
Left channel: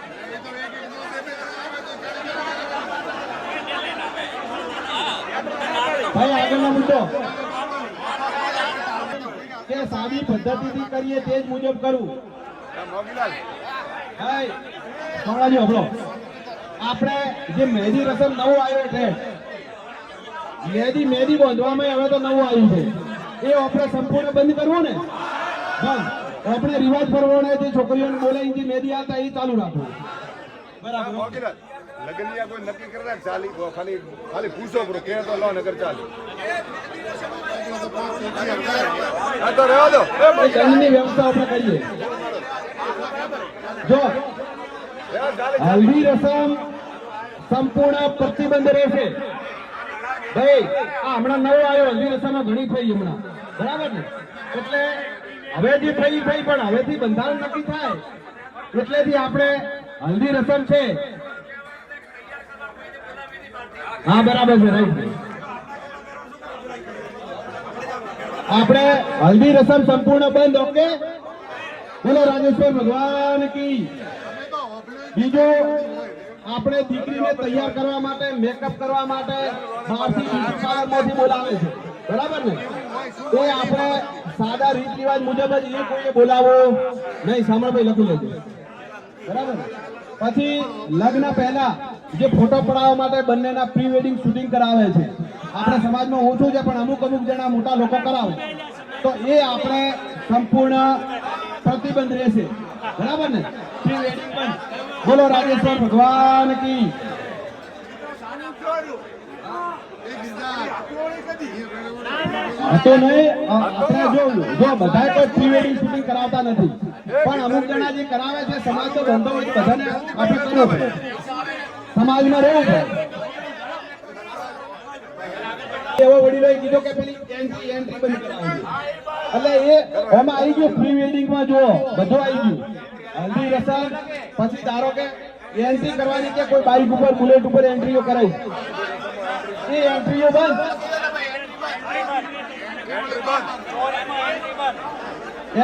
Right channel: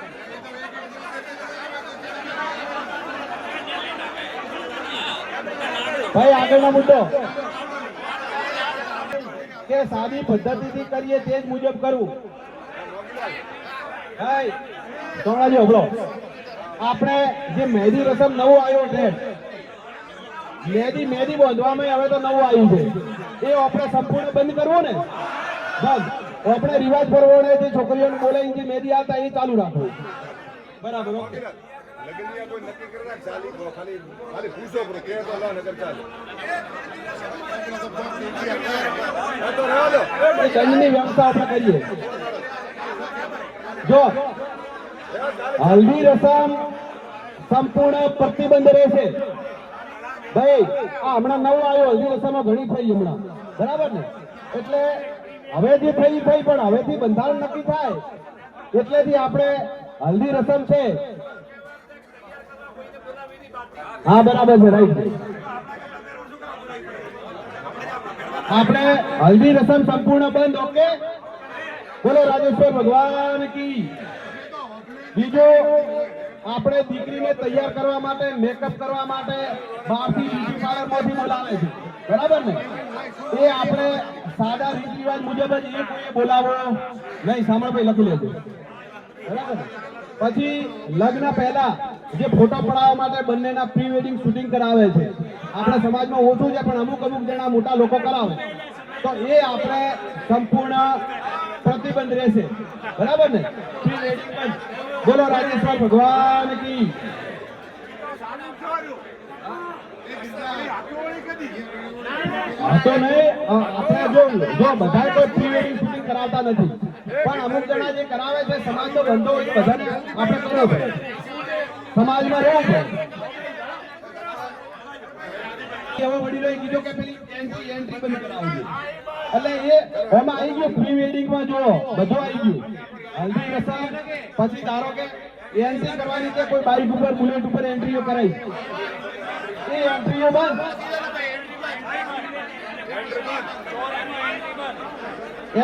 ભાઈ આગળનો મુદ્દો કે સાદી પદ્ધતિથી કરીએ તે જ મુજબ કરવું. ભાઈ સોણાજી હબળો, આપણે જે મહેંદી રસમ નવું આવ્યો છે, મહેંદી બાંધવામાં હવે તો નવું આવ્યું છે, એ આપણે સંપૂર્ણ બંધ કરવું ને. બસ આપણે રિવાજ પ્રમાણે જે છોકરીઓને બોલાવીને જે મહેંદી આવતા એ ચાલુ રાખવું. બરાબર. લગનિયા કોઈ નક્કી કરે ને ચાલી ખાલી ખાલી પૂછો બ્રો કે તો લો નગર ચાલે આ તો રહેવા દો એ દંડની વ્યવસ્થા આપણે કરીએ. જો હલ્દી રસમ સંપૂર્ણ પ્રતિબંધ રહેશે. ભાઈ આ હમણાં નવો આવ્યો, હલ્દી રસમ ઘણી થઈ હમણાં, બરાબર ને? એટલે હવે જે થઈ પણ હવેથી બંધારણ નક્કી થાય એટલેથી આપણે હલ્દી રસમ છે. હા બરાબર છે, રાઈટ. આપણે હલ્દી રસમ સંપૂર્ણ બંધ. ઓકે, બોલો રાજેશ્વર ભગવાન કી. બીજું, આપણે દીકરીને તૈયાર કરવા માટે, મેકઅપ કરવા માટે બહારથી બ્યુટી પાર્લરમાંથી બોલાવે છે, બરાબર ને? એ આપણે સાદા રીત રિવાજ મુજબ જ એ કોઈએ બોલાવો નહીં. સાંભળો ભાઈ, લખી લેજો, બરાબર ને? પછી લગ્ન પહેલા જે ફોટો પડાવવા માટે બંનેના પ્રી વેડિંગ શૂટિંગ કરાવે છે, આપણા સમાજમાં ઓછું છે પણ અમુક જણા મોટા લોકો કરાવે, તો એ આપણે સંપૂર્ણ પ્રતિબંધ રહેશે, બરાબર ને? પ્રી વેડિંગ બંધ. બોલો રાજેશ્વર ભગવાન કી. તો નહીં, આપણે જો બધા કોઈ પ્રી વેડિંગ શૂટિંગ કરાવતા નથી, પણ અમુક જણા જે કરાવે છે, સમાજનો ધંધો હોય, બધાને આપણે કરવો પડે, સમાજમાં રહેવું પડે. એવો વડીલોએ કીધું કે પેલી એન્ટ્રી બંધ કરાવજો, એટલે એ એમાં આવી ગયું. પ્રી વેડિંગમાં જો બધું આવી ગયું, હલ્દી રસમ, પછી ધારો કે એન્ટ્રી કરવાની કે કોઈ બાઇક ઉપર બુલેટ ઉપર એન્ટ્રીઓ કરાઈ, એ એન્ટ્રીઓ બંધ.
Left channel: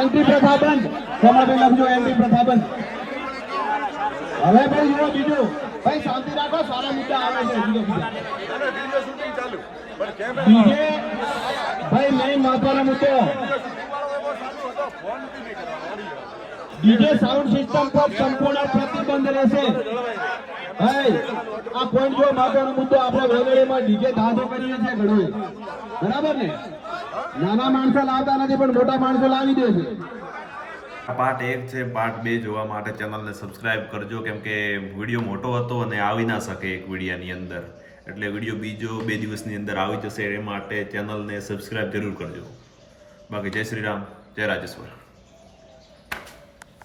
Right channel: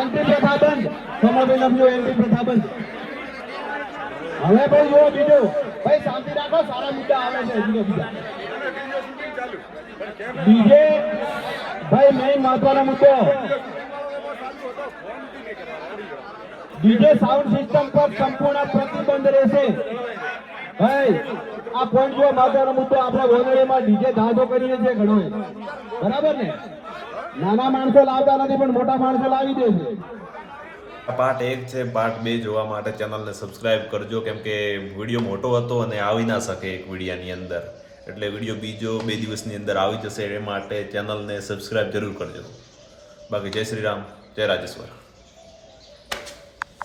એન્ટ્રી પ્રથા બંધ. સમય લખજો, એન્ટ્રી પ્રથા બંધ. હવે ભાઈ જો બીજું, ભાઈ શાંતિ રાખો, સારા મુદ્દા આવે છે. બીજે ભાઈ મેઇન મહત્વનો મુદ્દો, ડીજે સાઉન્ડ સિસ્ટમ પર સંપૂર્ણ પ્રતિબંધ રહેશે. ભાઈ આ પોઈન્ટ જો મહત્વનો મુદ્દો, આપણે ગોંદડીમાં ડીજે ધાંધો કરીએ છીએ ઘણો, બરાબર ને? નાના માણસો લાવતા નથી પણ મોટા માણસો લાવી દે છે. પાર્ટ 1 છે. પાર્ટ 2 જોવા માટે ચેનલને સબસ્ક્રાઇબ કરજો, કેમ કે વિડીયો મોટો હતો અને આવી ના શકે એક વિડીયાની અંદર, એટલે વિડીયો બીજો 2 દિવસની અંદર આવી જશે. એ માટે ચેનલને સબસ્ક્રાઇબ જરૂર કરજો. બાકી જય શ્રી રામ, જય રાજેશ્વર.